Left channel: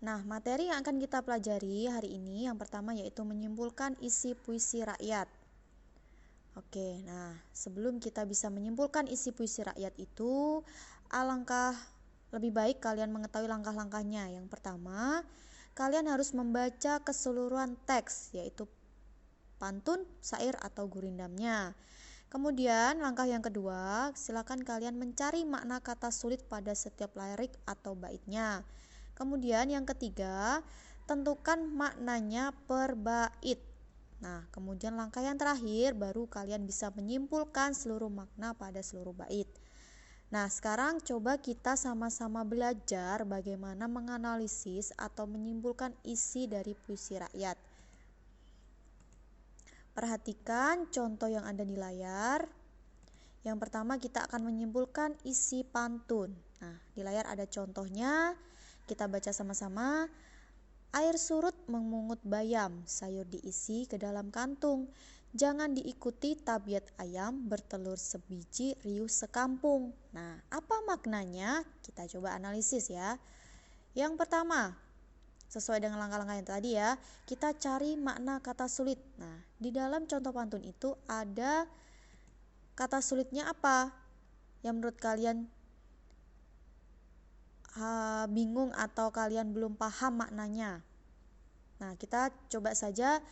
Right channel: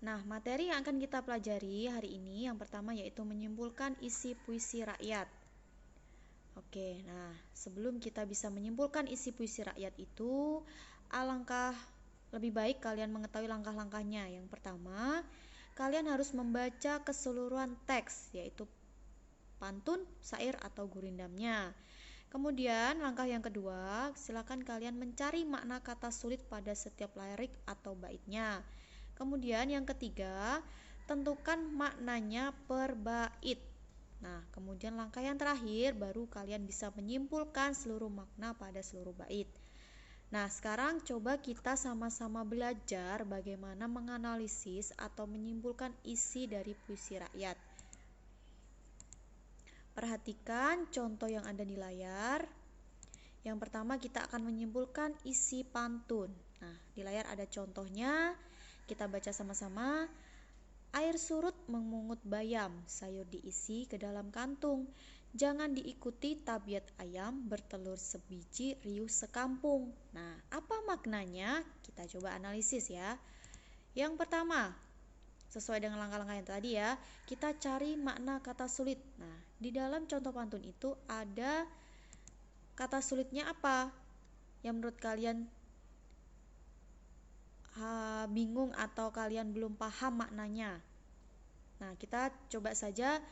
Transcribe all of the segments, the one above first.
Nah, materi yang akan kita pelajari hari ini yang pertama yaitu menyimpulkan isi puisi rakyat. Oke, nah sebelum kita bisa menyimpulkan isi puisi rakyat itu, alangkah lebih baik kalian mengetahui langkah-langkahnya. Yang pertama, kalian harus membaca keseluruhan teks, yaitu pantun, syair, atau gurindamnya. Kemudian langkah yang kedua, silakan kalian mencari makna kata sulit pada setiap lirik atau baitnya. Kemudian yang ketiga, tentukan maknanya per bait. Nah, kemudian langkah yang terakhir baru kalian bisa menyimpulkan seluruh makna pada seluruh bait. Nah, sekarang coba kita sama-sama belajar bagaimana menganalisis atau menyimpulkan isi dari puisi rakyat. Perhatikan contoh yang ada di layar. Yang pertama kita akan menyimpulkan isi pantun. Nah, di layar ada contohnya. Kita baca sama-sama. Air surut memungut bayam, sayur diisi ke dalam kantung. Jangan diikuti tabiat ayam, bertelur sebiji, riuh sekampung. Nah, apa maknanya? Kita coba analisis ya. Yang pertama, sesuai dengan langkah-langkah yang tadi ya, kita cari makna kata sulit. Nah, di dalam contoh pantun itu ada kata sulitnya apa? Yang menurut kalian bingung atau kalian belum paham maknanya? Nah, kita coba saja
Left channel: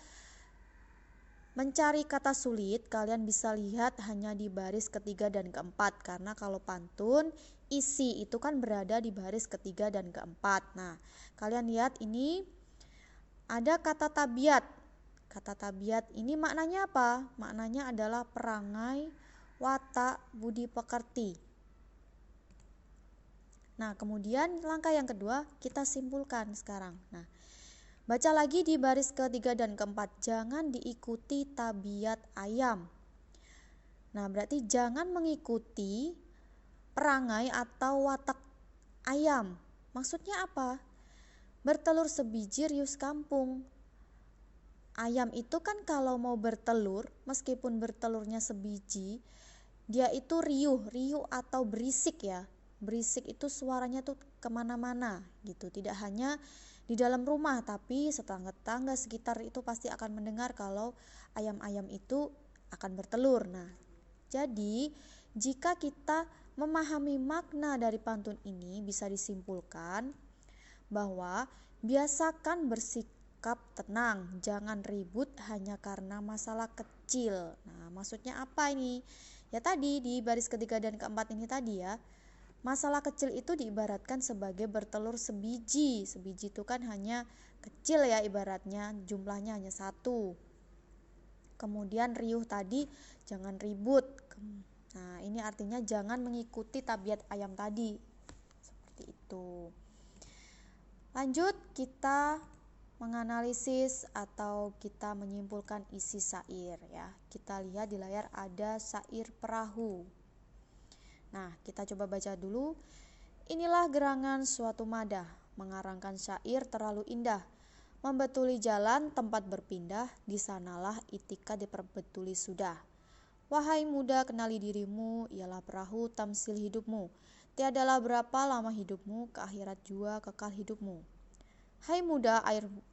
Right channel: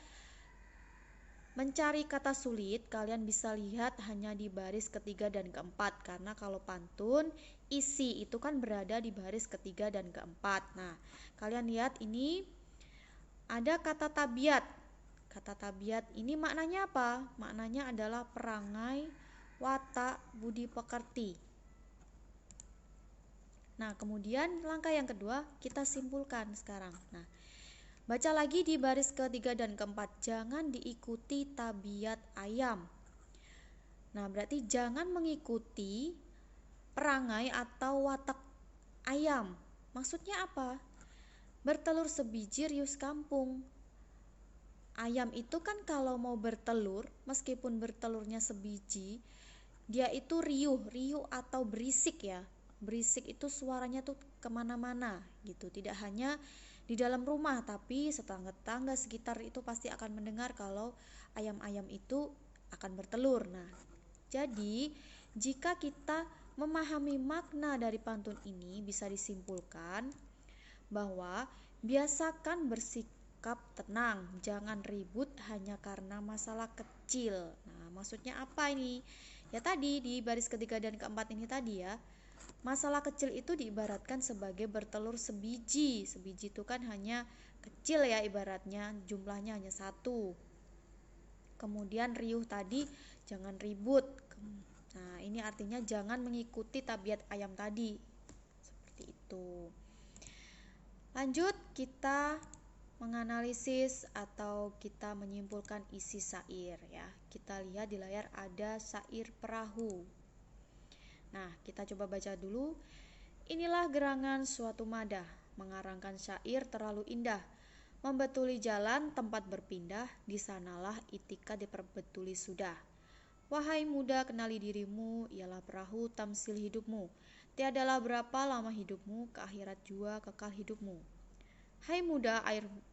mencari kata sulit. Kalian bisa lihat hanya di baris ketiga dan keempat, karena kalau pantun isi itu kan berada di baris ketiga dan keempat. Nah, kalian lihat ini ada kata tabiat. Kata tabiat ini maknanya apa? Maknanya adalah perangai, watak, budi pekerti. Nah, kemudian langkah yang kedua kita simpulkan sekarang. Nah, baca lagi di baris ketiga dan keempat, jangan diikuti tabiat ayam. Nah, berarti jangan mengikuti perangai atau watak ayam. Maksudnya apa? Bertelur sebiji riuh kampung. Ayam itu kan kalau mau bertelur, meskipun bertelurnya sebiji, dia itu riuh atau berisik ya. Berisik itu suaranya tuh kemana-mana gitu. Tidak hanya di dalam rumah, tapi tetangga-tetangga sekitar itu pasti akan mendengar kalau ayam-ayam itu akan bertelur. Nah, jadi jika kita memahami makna dari pantun ini, bisa disimpulkan bahwa biasakan bersikap tenang, jangan ribut hanya karena masalah kecil. Nah, maksudnya apa ini? Ya tadi di baris ketiga dan keempat ini tadi ya. Masalah kecil itu diibaratkan sebagai bertelur sebiji. Sebiji itu kan hanya kecil ya ibaratnya, jumlahnya hanya satu. Kemudian riuh tadi, jangan ribut. Nah, ini artinya jangan mengikuti tabiat ayam tadi. Seperti itu. Lanjut, kita menganalisis atau kita menyimpulkan isi syair ya. Kita lihat di layar ada syair perahu. Nah, kita coba baca dulu. Inilah gerangan suatu madah, mengarangkan syair terlalu indah. Membetuli jalan tempat berpindah, di sanalah itika diperbetuli sudah. Wahai muda, kenali dirimu, ialah perahu tamsil hidupmu. Tiadalah berapa lama hidupmu, ke akhirat jua kekal hidupmu. Hai muda,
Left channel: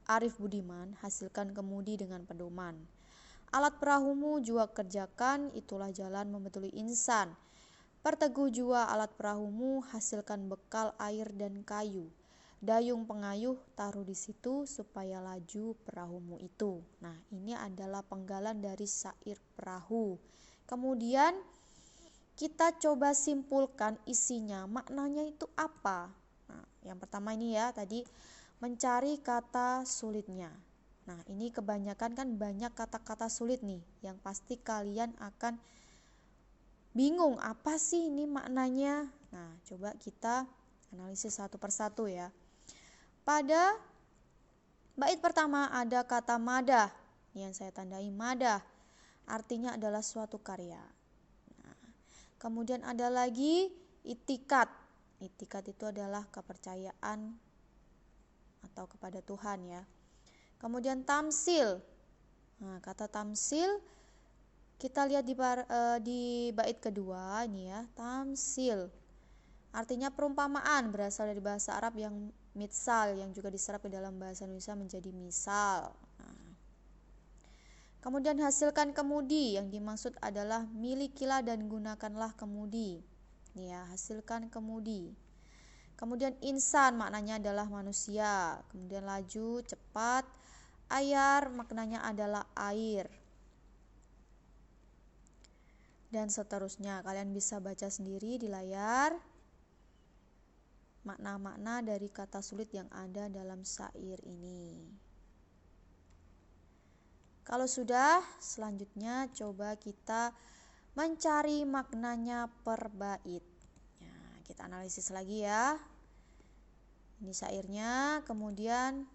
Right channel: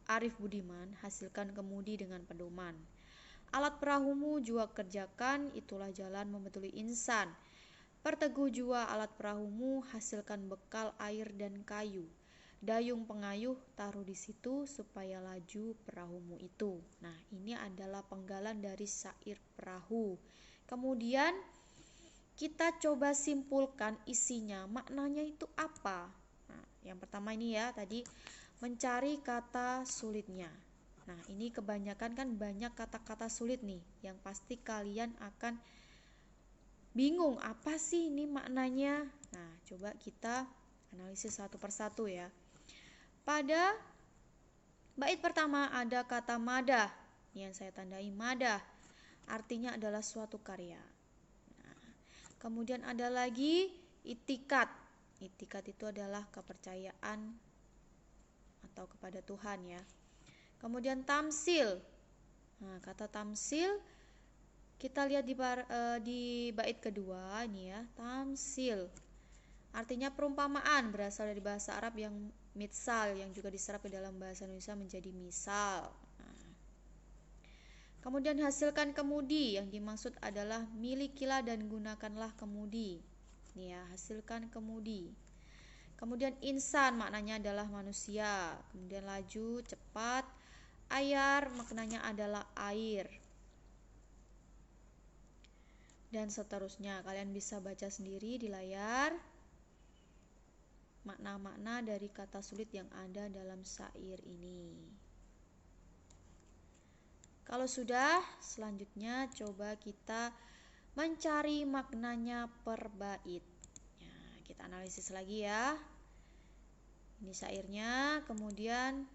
arif budiman, hasilkan kemudi dengan pedoman. Alat perahumu jua kerjakan, itulah jalan membetuli insan. Perteguh jua alat perahumu, hasilkan bekal air dan kayu. Dayung pengayuh taruh di situ supaya laju perahumu itu. Nah, ini adalah penggalan dari syair perahu. Kemudian kita coba simpulkan isinya, maknanya itu apa? Nah, yang pertama ini ya, tadi mencari kata sulitnya. Nah, ini kebanyakan kan banyak kata-kata sulit nih, yang pasti kalian akan bingung apa sih ini maknanya. Nah, coba kita analisis satu persatu ya. Pada bait pertama ada kata madah, yang saya tandai madah, artinya adalah suatu karya. Nah, kemudian ada lagi itikat. Itikat itu adalah kepercayaan atau kepada Tuhan ya. Kemudian tamsil. Nah, kata tamsil kita lihat di bait kedua ini ya, tamsil. Artinya perumpamaan berasal dari bahasa Arab yang mitsal yang juga diserap ke dalam bahasa Indonesia menjadi misal. Nah, kemudian hasilkan kemudi, yang dimaksud adalah milikilah dan gunakanlah kemudi. Nih ya, hasilkan kemudi. Kemudian insan maknanya adalah manusia. Kemudian laju, cepat. Ayar maknanya adalah air. Dan seterusnya, kalian bisa baca sendiri di layar makna-makna dari kata sulit yang ada dalam syair ini. Kalau sudah, selanjutnya coba kita mencari maknanya per bait. Ya, kita analisis lagi ya. Ini syairnya, kemudian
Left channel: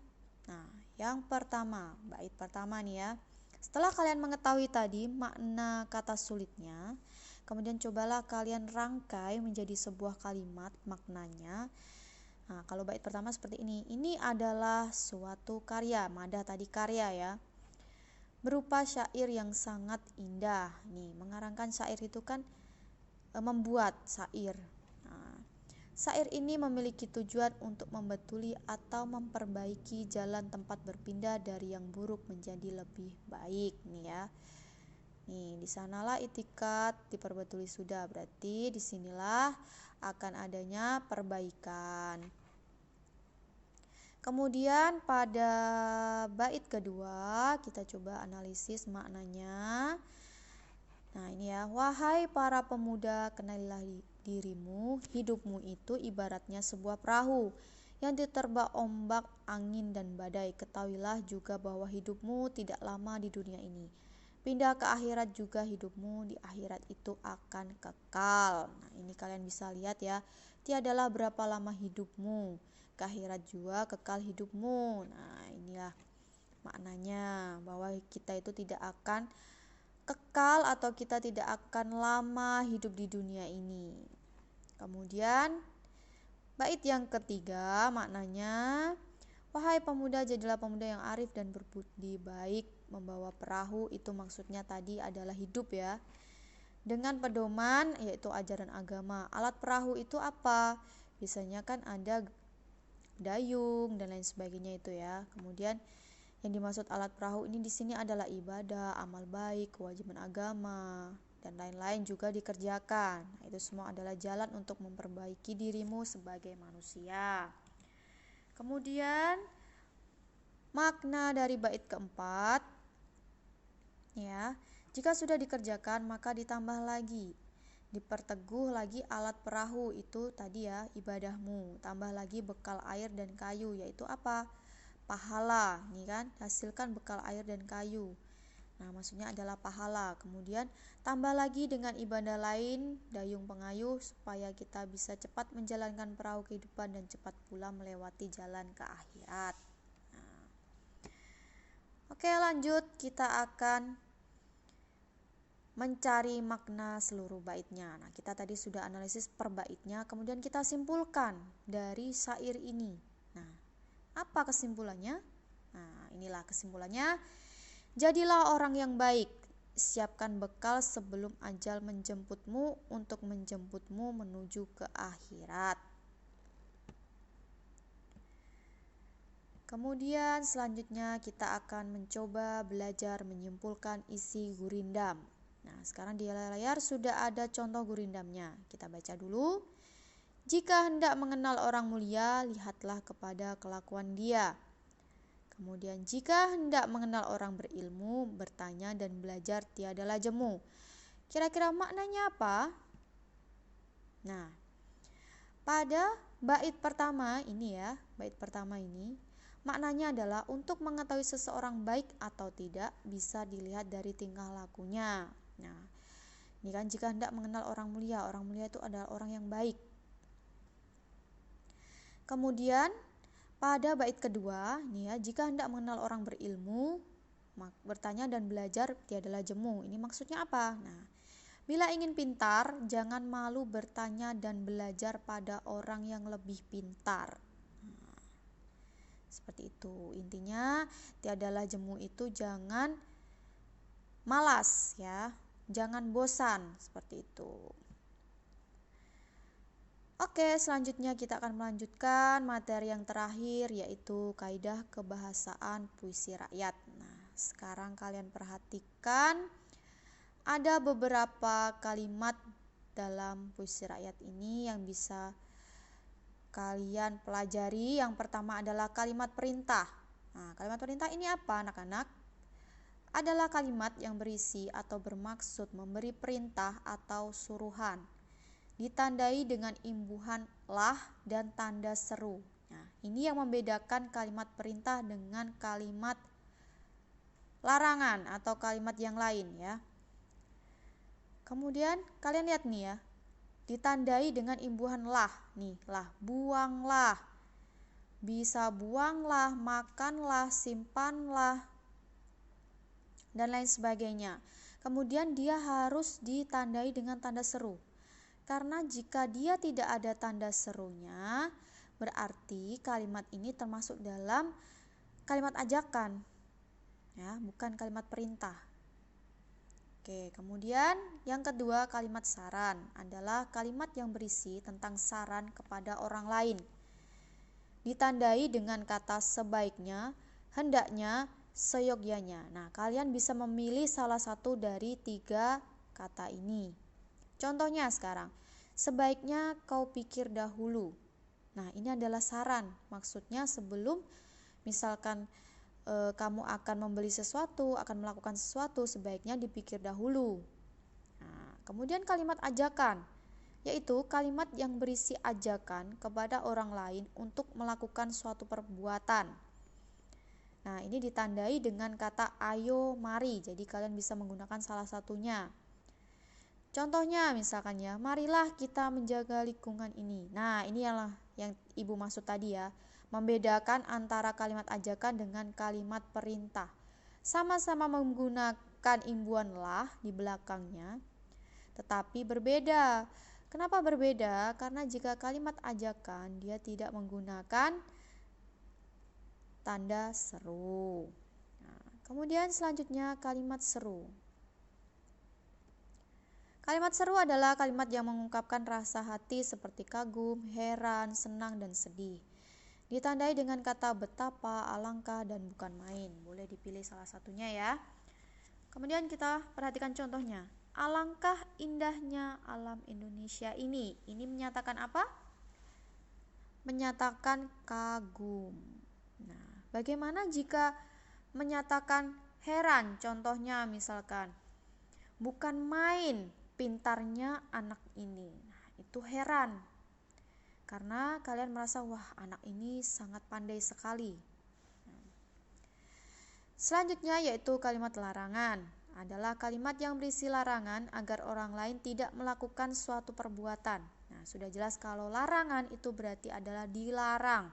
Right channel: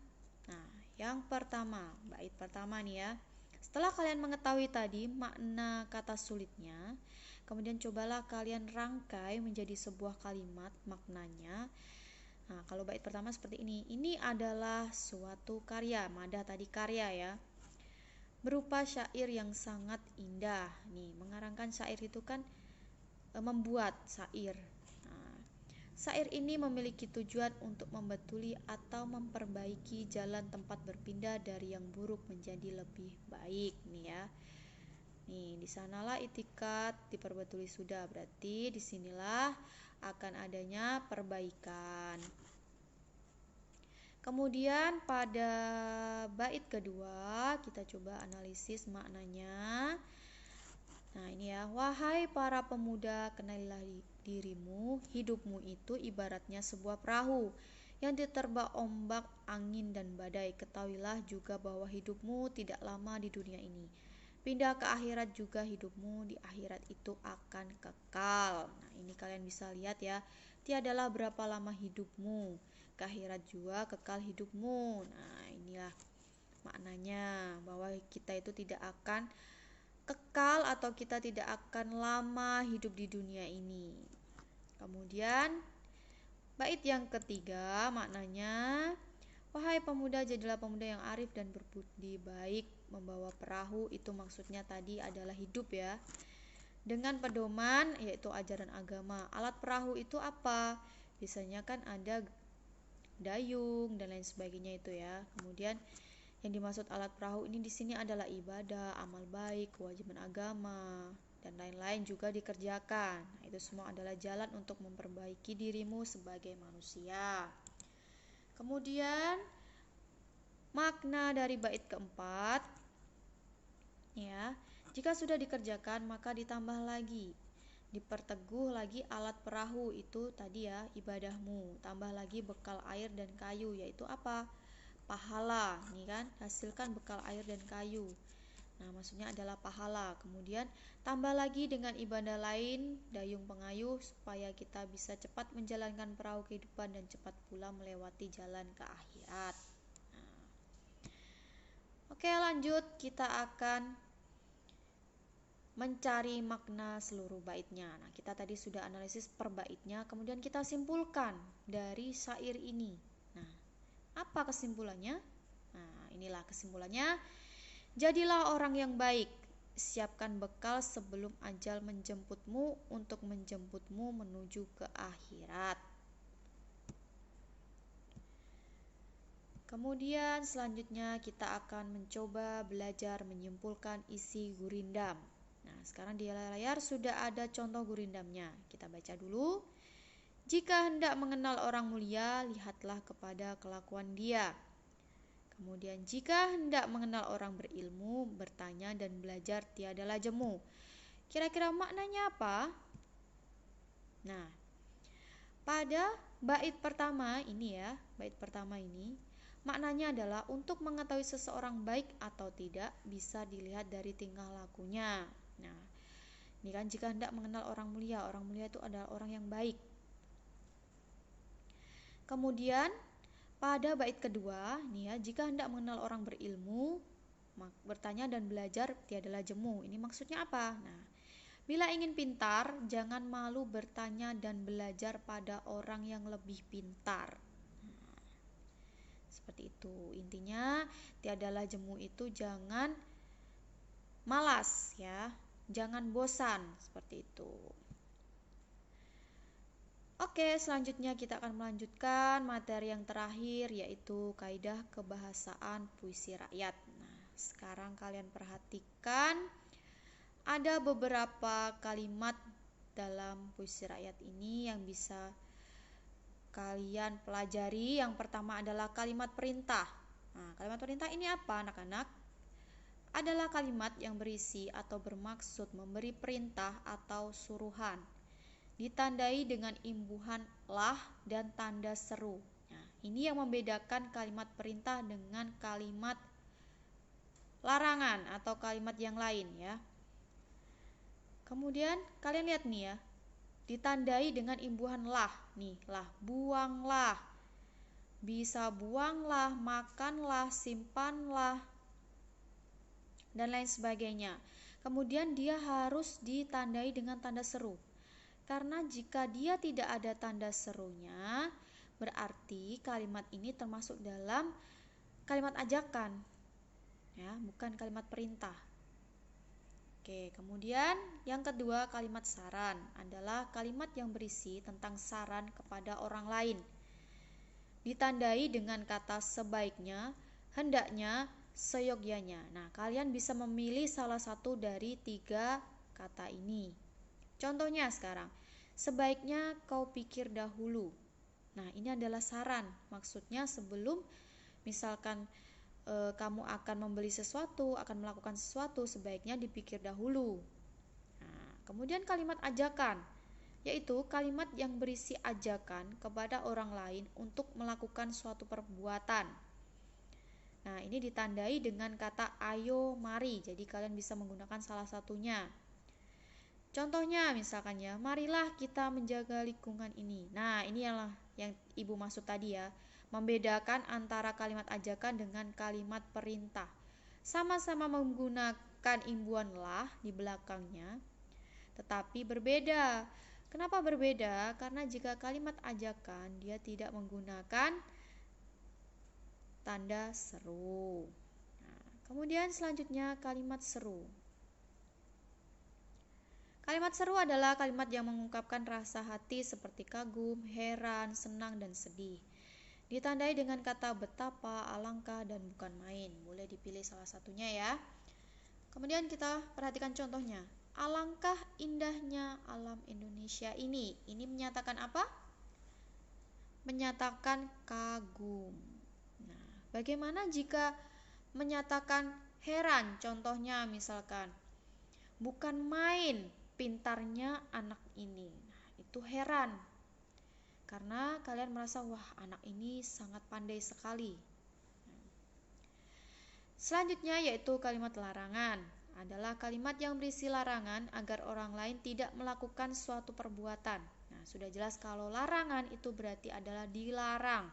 yang pertama, bait pertama nih ya. Setelah kalian mengetahui tadi makna kata sulitnya, kemudian cobalah kalian rangkai menjadi sebuah kalimat maknanya. Nah, kalau bait pertama seperti ini. Ini adalah suatu karya, madah tadi karya ya. Berupa syair yang sangat indah. Nih, mengarangkan syair itu kan membuat syair. Nah, syair ini memiliki tujuan untuk membetuli atau memperbaiki jalan tempat berpindah dari yang buruk menjadi lebih baik nih ya. Nih, di sanalah itikat diperbetuli sudah, berarti disinilah akan adanya perbaikan. Kemudian pada bait kedua kita coba analisis maknanya. Nah ini ya, wahai para pemuda, kenalilah dirimu, hidupmu itu ibaratnya sebuah perahu yang diterpa ombak, angin dan badai. Ketahuilah juga bahwa hidupmu tidak lama di dunia ini. Pindah ke akhirat juga, hidupmu di akhirat itu akan kekal. Nah, ini kalian bisa lihat ya. Tiadalah berapa lama hidupmu, ke akhirat juga kekal hidupmu. Nah, inilah maknanya bahwa kita itu tidak akan kekal atau kita tidak akan lama hidup di dunia ini. Kemudian bait yang ketiga maknanya, wahai pemuda, jadilah pemuda yang arif dan berbudi baik, membawa perahu. Itu maksudnya tadi adalah hidup ya, dengan pedoman yaitu ajaran agama. Alat perahu itu apa? Biasanya kan ada dayung dan lain sebagainya itu ya. Kemudian yang dimaksud alat perahu ini di sini adalah ibadah, amal baik, kewajiban agama dan lain-lain juga dikerjakan. Itu semua adalah jalan untuk memperbaiki dirimu sebagai manusia. Kemudian makna dari bait keempat ya, jika sudah dikerjakan maka ditambah lagi, diperteguh lagi alat perahu itu tadi ya, ibadahmu, tambah lagi bekal air dan kayu, yaitu apa? Pahala. Nih kan, hasilkan bekal air dan kayu. Nah, maksudnya adalah pahala. Kemudian tambah lagi dengan ibadah lain, dayung pengayuh, supaya kita bisa cepat menjalankan perahu kehidupan dan cepat pula melewati jalan ke akhirat. Oke, lanjut, kita akan mencari makna seluruh baitnya. Nah, kita tadi sudah analisis per baitnya, kemudian kita simpulkan dari syair ini. Nah, apa kesimpulannya? Nah, inilah kesimpulannya. Jadilah orang yang baik, siapkan bekal sebelum ajal menjemputmu untuk menjemputmu menuju ke akhirat. Kemudian selanjutnya kita akan mencoba belajar menyimpulkan isi gurindam. Nah, sekarang di layar sudah ada contoh gurindamnya. Kita baca dulu. Jika hendak mengenal orang mulia, lihatlah kepada kelakuan dia. Kemudian jika hendak mengenal orang berilmu, bertanya dan belajar tiadalah jemu. Kira-kira maknanya apa? Nah, pada bait pertama ini ya, bait pertama ini maknanya adalah untuk mengetahui seseorang baik atau tidak bisa dilihat dari tingkah lakunya. Nah, ini kan jika hendak mengenal orang mulia itu adalah orang yang baik. Kemudian pada bait kedua, nih ya, jika hendak mengenal orang berilmu, bertanya dan belajar tiadalah jemu. Ini maksudnya apa? Nah, bila ingin pintar, jangan malu bertanya dan belajar pada orang yang lebih pintar. Seperti itu. Intinya tiadalah jemu itu jangan malas ya, jangan bosan, seperti itu. Oke, selanjutnya kita akan melanjutkan materi yang terakhir, yaitu kaidah kebahasaan puisi rakyat. Nah, sekarang kalian perhatikan ada beberapa kalimat dalam puisi rakyat ini yang bisa kalian pelajari. Yang pertama adalah kalimat perintah. Nah, kalimat perintah ini apa, anak-anak? Adalah kalimat yang berisi atau bermaksud memberi perintah atau suruhan, ditandai dengan imbuhan lah dan tanda seru. Nah, ini yang membedakan kalimat perintah dengan kalimat larangan atau kalimat yang lain ya. Kemudian kalian lihat nih ya, ditandai dengan imbuhan lah. Nih, lah, buanglah. Bisa buanglah, makanlah, simpanlah, dan lain sebagainya. Kemudian dia harus ditandai dengan tanda seru. Karena jika dia tidak ada tanda serunya, berarti kalimat ini termasuk dalam kalimat ajakan, ya, bukan kalimat perintah. Oke, kemudian yang kedua, kalimat saran adalah kalimat yang berisi tentang saran kepada orang lain, ditandai dengan kata sebaiknya, hendaknya, seyogyanya. Nah, kalian bisa memilih salah satu dari 3 kata ini. Contohnya sekarang, sebaiknya kau pikir dahulu. Nah, ini adalah saran. Maksudnya sebelum misalkan kamu akan membeli sesuatu, akan melakukan sesuatu, sebaiknya dipikir dahulu. Nah, kemudian kalimat ajakan, yaitu kalimat yang berisi ajakan kepada orang lain untuk melakukan suatu perbuatan. Nah, ini ditandai dengan kata ayo, mari. Jadi kalian bisa menggunakan salah satunya. Contohnya misalkan ya, marilah kita menjaga lingkungan ini. Nah, ini adalah yang Ibu maksud tadi ya, membedakan antara kalimat ajakan dengan kalimat perintah. Sama-sama menggunakan imbuhan lah di belakangnya, tetapi berbeda. Kenapa berbeda? Karena jika kalimat ajakan dia tidak menggunakan tanda seru. Nah, kemudian selanjutnya kalimat seru. Kalimat seru adalah kalimat yang mengungkapkan rasa hati seperti kagum, heran, senang, dan sedih. Ditandai dengan kata betapa, alangkah, dan bukan main. Boleh dipilih salah satunya ya. Kemudian kita perhatikan contohnya. Alangkah indahnya alam Indonesia ini. Ini menyatakan apa? Menyatakan kagum. Nah, bagaimana jika menyatakan heran? Contohnya misalkan, bukan main pintarnya anak ini. Nah, itu heran. Karena kalian merasa, wah, anak ini sangat pandai sekali. Selanjutnya yaitu kalimat larangan. Adalah kalimat yang berisi larangan agar orang lain tidak melakukan suatu perbuatan. Nah, sudah jelas kalau larangan itu berarti adalah dilarang.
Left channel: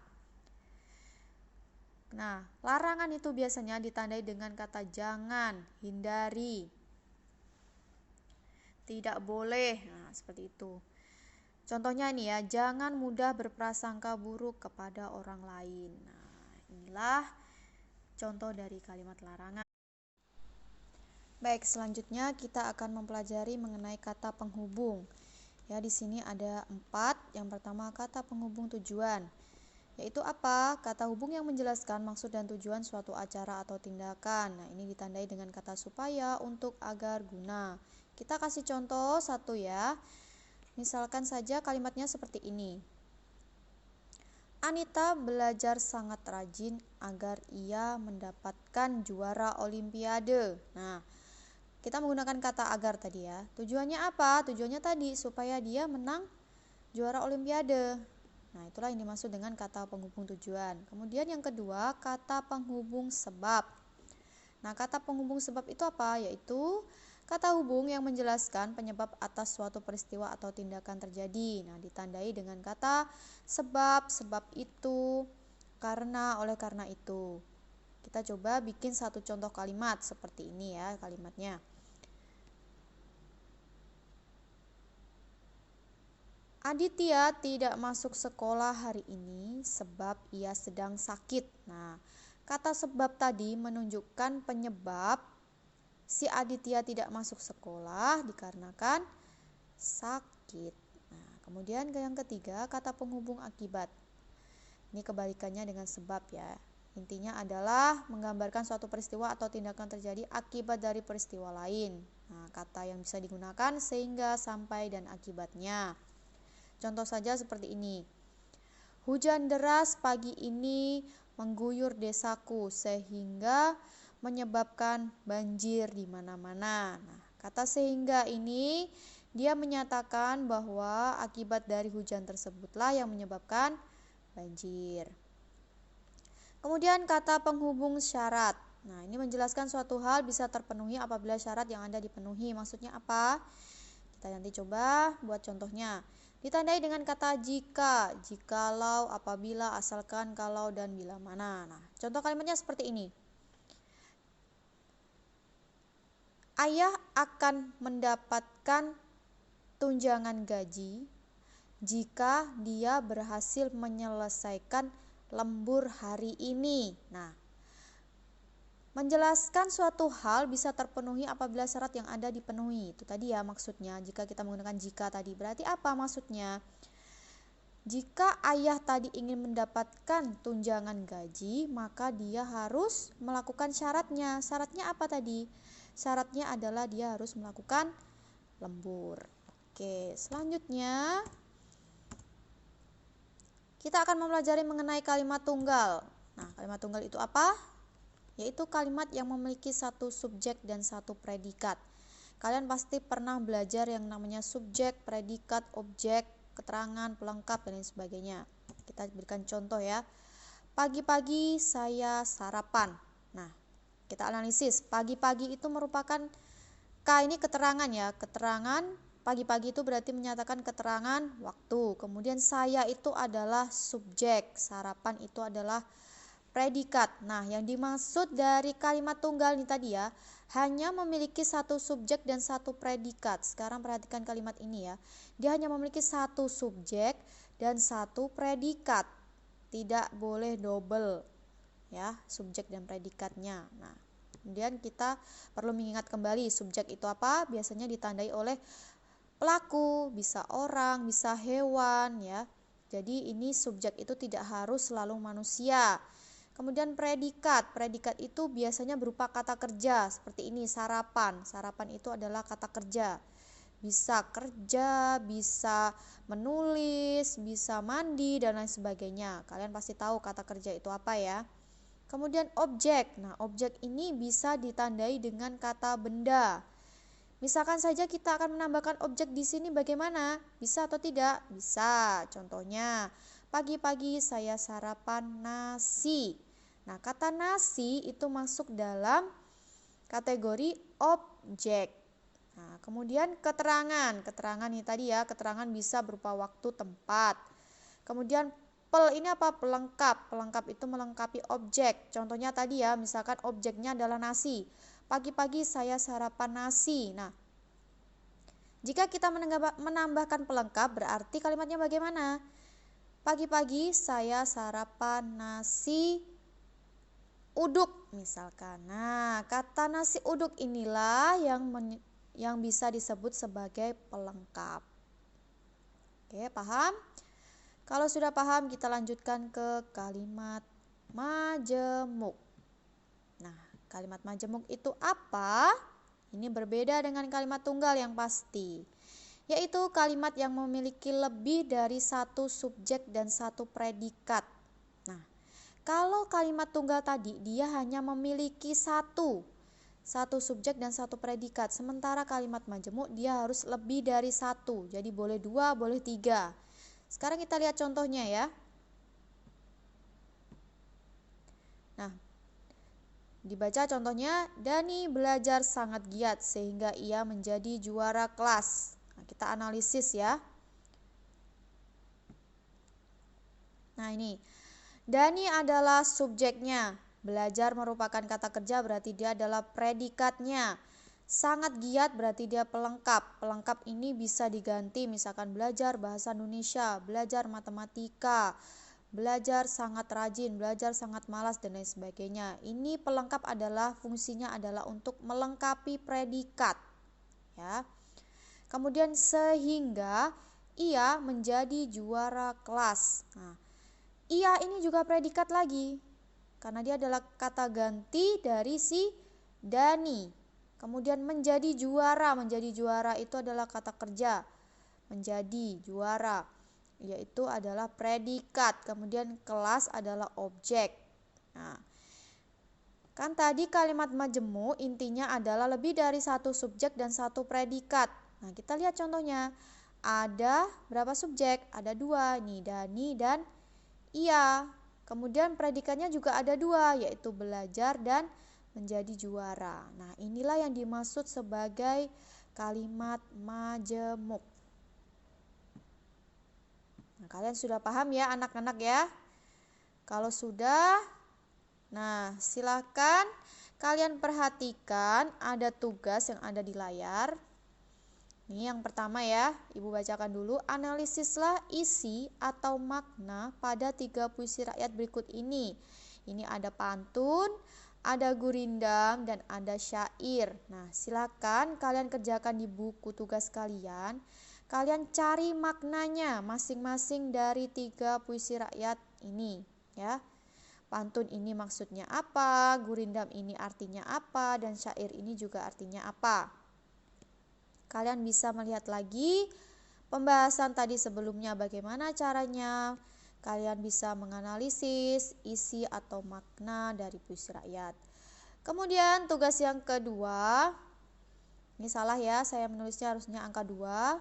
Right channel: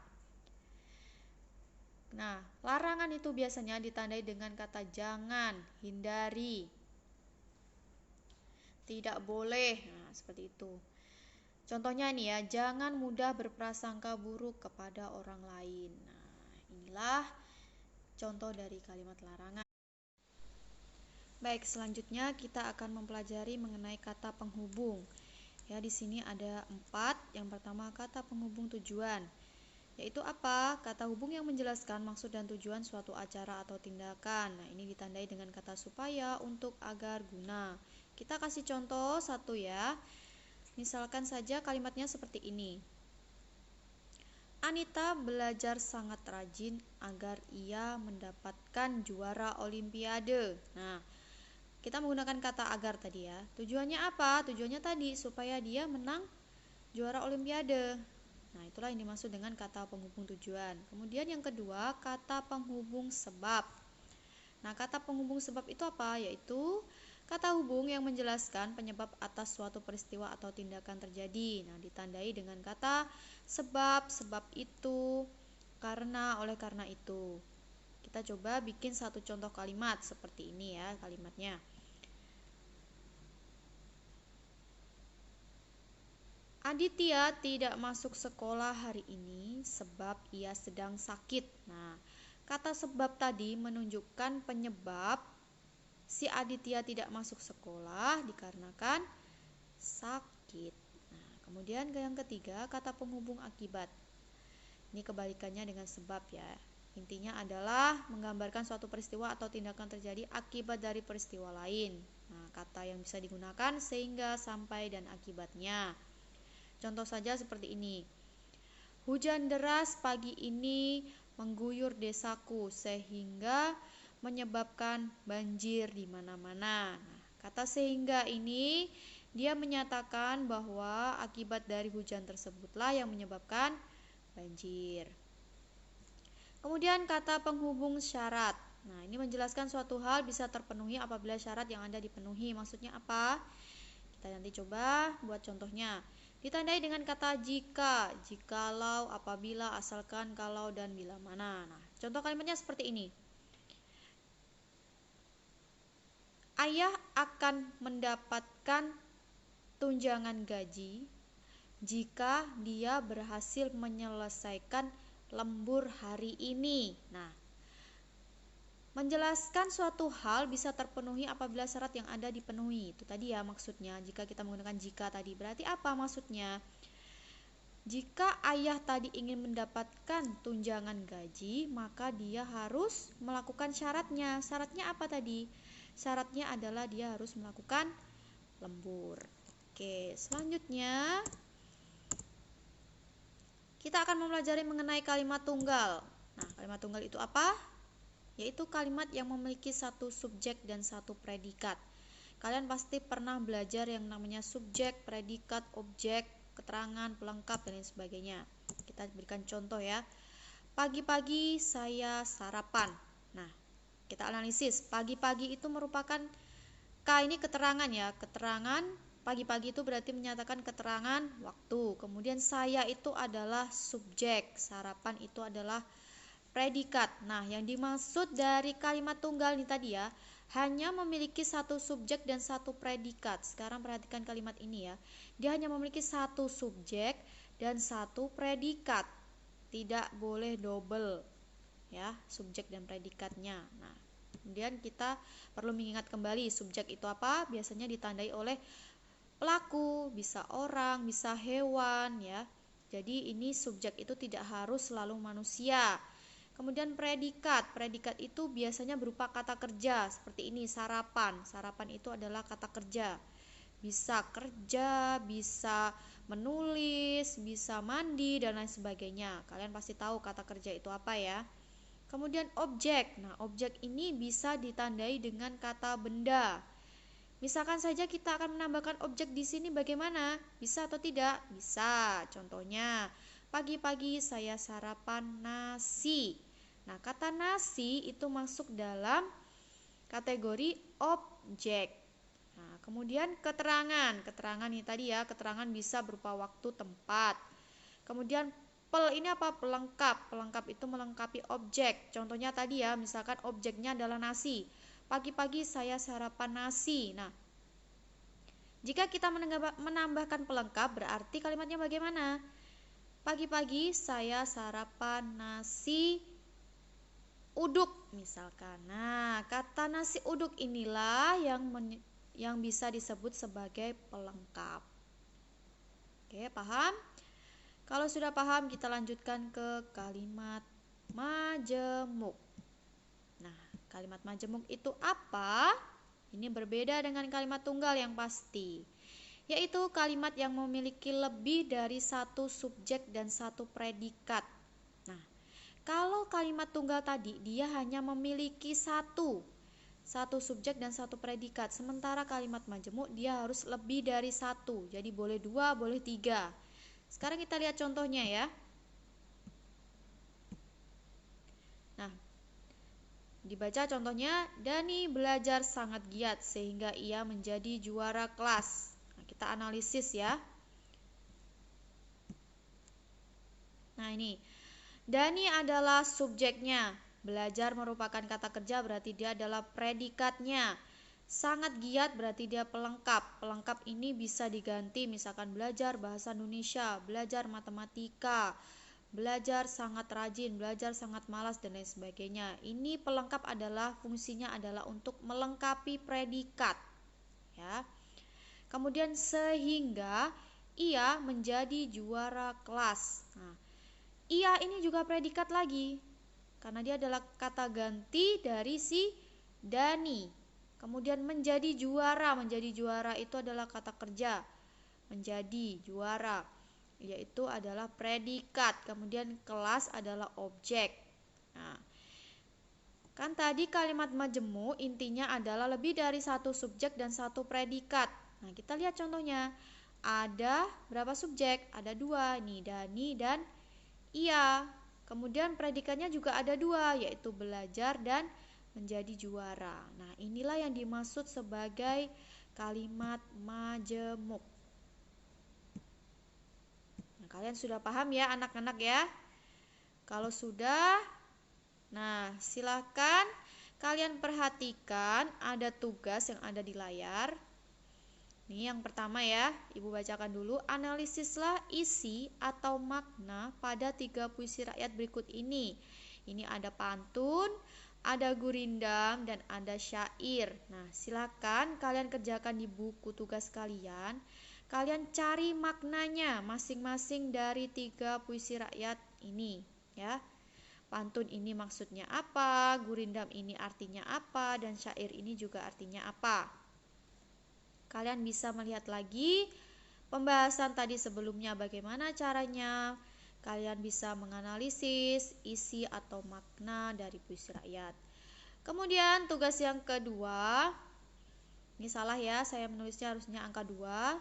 Nah, larangan itu biasanya ditandai dengan kata jangan, hindari, tidak boleh. Nah, seperti itu. Contohnya ini ya, jangan mudah berprasangka buruk kepada orang lain. Nah, inilah contoh dari kalimat larangan. Baik, selanjutnya kita akan mempelajari mengenai kata penghubung. Ya, di sini ada 4. Yang pertama kata penghubung tujuan, yaitu apa? Kata hubung yang menjelaskan maksud dan tujuan suatu acara atau tindakan. Nah, ini ditandai dengan kata supaya, untuk, agar, guna. Kita kasih contoh satu ya. Misalkan saja kalimatnya seperti ini. Anita belajar sangat rajin agar ia mendapatkan juara olimpiade. Nah, kita menggunakan kata agar tadi ya. Tujuannya apa? Tujuannya tadi supaya dia menang juara olimpiade. Nah, itulah yang dimaksud dengan kata penghubung tujuan. Kemudian yang kedua, kata penghubung sebab. Nah, kata penghubung sebab itu apa? Yaitu kata hubung yang menjelaskan penyebab atas suatu peristiwa atau tindakan terjadi. Nah, ditandai dengan kata sebab, sebab itu, karena, oleh karena itu. Kita coba bikin satu contoh kalimat seperti ini ya kalimatnya. Aditya tidak masuk sekolah hari ini sebab ia sedang sakit. Nah, kata sebab tadi menunjukkan penyebab si Aditya tidak masuk sekolah dikarenakan sakit. Nah, kemudian yang ketiga, kata penghubung akibat. Ini kebalikannya dengan sebab ya. Intinya adalah menggambarkan suatu peristiwa atau tindakan terjadi akibat dari peristiwa lain. Nah, kata yang bisa digunakan sehingga, sampai, dan akibatnya. Contoh saja seperti ini. Hujan deras pagi ini mengguyur desaku sehingga menyebabkan banjir di mana-mana. Nah, kata sehingga ini dia menyatakan bahwa akibat dari hujan tersebutlah yang menyebabkan banjir. Kemudian kata penghubung syarat. Nah, ini menjelaskan suatu hal bisa terpenuhi apabila syarat yang ada dipenuhi. Maksudnya apa? Kita nanti coba buat contohnya. Ditandai dengan kata jika, jikalau, apabila, asalkan, kalau, dan bila mana. Nah, contoh kalimatnya seperti ini. Ayah akan mendapatkan tunjangan gaji jika dia berhasil menyelesaikan lembur hari ini. Nah, menjelaskan suatu hal bisa terpenuhi apabila syarat yang ada dipenuhi. Itu tadi ya maksudnya. Jika kita menggunakan jika tadi, berarti apa maksudnya? Jika ayah tadi ingin mendapatkan tunjangan gaji, maka dia harus melakukan syaratnya. Syaratnya apa tadi? Syaratnya adalah dia harus melakukan lembur. Oke, selanjutnya kita akan mempelajari mengenai kalimat tunggal. Nah, kalimat tunggal itu apa? Yaitu kalimat yang memiliki satu subjek dan satu predikat. Kalian pasti pernah belajar yang namanya subjek, predikat, objek, keterangan, pelengkap, dan lain sebagainya. Kita berikan contoh ya. Pagi-pagi saya sarapan. Nah, kita analisis. Pagi-pagi itu merupakan ini keterangan ya. Keterangan pagi-pagi itu berarti menyatakan keterangan waktu. Kemudian saya itu adalah subjek. Sarapan itu adalah predikat. Nah, yang dimaksud dari kalimat tunggal ini tadi ya, hanya memiliki satu subjek dan satu predikat. Sekarang perhatikan kalimat ini ya. Dia hanya memiliki satu subjek dan satu predikat. Tidak boleh double ya, subjek dan predikatnya. Nah, kemudian kita perlu mengingat kembali subjek itu apa? Biasanya ditandai oleh pelaku, bisa orang, bisa hewan ya. Jadi ini subjek itu tidak harus selalu manusia. Kemudian predikat itu biasanya berupa kata kerja seperti ini, sarapan. Sarapan itu adalah kata kerja. Bisa kerja, bisa menulis, bisa mandi, dan lain sebagainya. Kalian pasti tahu kata kerja itu apa ya. Kemudian objek. Nah, objek ini bisa ditandai dengan kata benda. Misalkan saja kita akan menambahkan objek di sini bagaimana? Bisa atau tidak? Bisa. Contohnya, pagi-pagi saya sarapan nasi. Nah, kata nasi itu masuk dalam kategori objek. Nah, kemudian keterangan. Keterangan ini tadi ya, keterangan bisa berupa waktu, tempat. Kemudian ini apa? Pelengkap. Pelengkap itu melengkapi objek. Contohnya tadi ya, misalkan objeknya adalah nasi. Pagi-pagi saya sarapan nasi. Nah, jika kita menambahkan pelengkap berarti kalimatnya bagaimana? Pagi-pagi saya sarapan nasi uduk misalkan. Nah, kata nasi uduk inilah yang bisa disebut sebagai pelengkap. Oke, paham? Kalau sudah paham, kita lanjutkan ke kalimat majemuk. Nah, kalimat majemuk itu apa? Ini berbeda dengan kalimat tunggal yang pasti, yaitu kalimat yang memiliki lebih dari satu subjek dan satu predikat. Nah, kalau kalimat tunggal tadi dia hanya memiliki satu subjek dan satu predikat, sementara kalimat majemuk dia harus lebih dari satu, jadi boleh dua, boleh tiga. Sekarang kita lihat contohnya ya. Nah, dibaca contohnya, Dani belajar sangat giat sehingga ia menjadi juara kelas. Nah, kita analisis ya. Nah, ini Dani adalah subjeknya. Belajar merupakan kata kerja berarti dia adalah predikatnya. Sangat giat berarti dia pelengkap. Pelengkap ini bisa diganti misalkan belajar bahasa Indonesia, belajar matematika, belajar sangat rajin, belajar sangat malas, dan lain sebagainya. Ini pelengkap adalah fungsinya adalah untuk melengkapi predikat ya. Kemudian sehingga ia menjadi juara kelas. Nah, ia ini juga predikat lagi, karena dia adalah kata ganti dari si Dani. Kemudian menjadi juara itu adalah kata kerja. Menjadi juara, yaitu adalah predikat. Kemudian kelas adalah objek. Nah, kan tadi kalimat majemuk intinya adalah lebih dari satu subjek dan satu predikat. Nah, kita lihat contohnya. Ada berapa subjek? Ada 2 nih, Dani dan ia. Kemudian predikatnya juga ada 2, yaitu belajar dan menjadi juara. Nah, inilah yang dimaksud sebagai kalimat majemuk. Nah, kalian sudah paham ya anak-anak ya? Kalau sudah, nah, silakan kalian perhatikan ada tugas yang ada di layar. Nih yang pertama ya, Ibu bacakan dulu. Analisislah isi atau makna pada 3 puisi rakyat berikut ini. Ini ada pantun, ada gurindam, dan ada syair. Nah, silakan kalian kerjakan di buku tugas kalian. Kalian cari maknanya masing-masing dari 3 puisi rakyat ini ya. Pantun ini maksudnya apa, gurindam ini artinya apa, dan syair ini juga artinya apa. Kalian bisa melihat lagi pembahasan tadi sebelumnya bagaimana caranya. Kalian bisa menganalisis isi atau makna dari puisi rakyat. Kemudian tugas yang kedua, ini salah ya, saya menulisnya harusnya angka 2,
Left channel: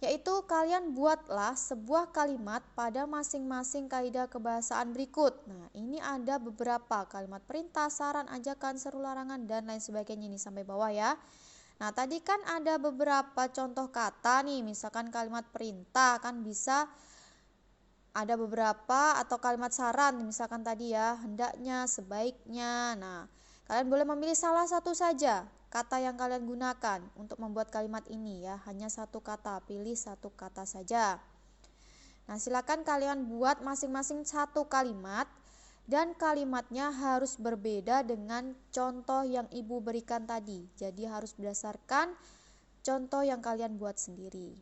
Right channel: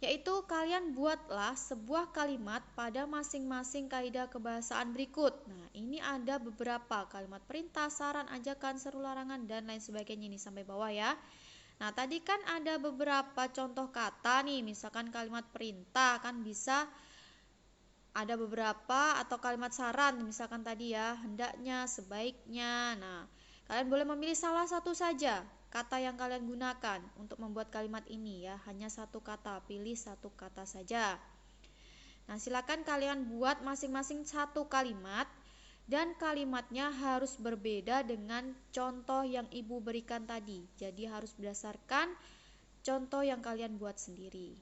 yaitu kalian buatlah sebuah kalimat pada masing-masing kaidah kebahasaan berikut. Nah, ini ada beberapa kalimat perintah, saran, ajakan, seru, larangan, dan lain sebagainya, ini sampai bawah ya. Nah, tadi kan ada beberapa contoh kata nih, misalkan kalimat perintah kan bisa ada beberapa, atau kalimat saran misalkan tadi ya, hendaknya, sebaiknya. Nah, kalian boleh memilih salah satu saja kata yang kalian gunakan untuk membuat kalimat ini ya, hanya satu kata, pilih satu kata saja. Nah, silakan kalian buat masing-masing satu kalimat. Dan kalimatnya harus berbeda dengan contoh yang Ibu berikan tadi. Jadi harus berdasarkan contoh yang kalian buat sendiri.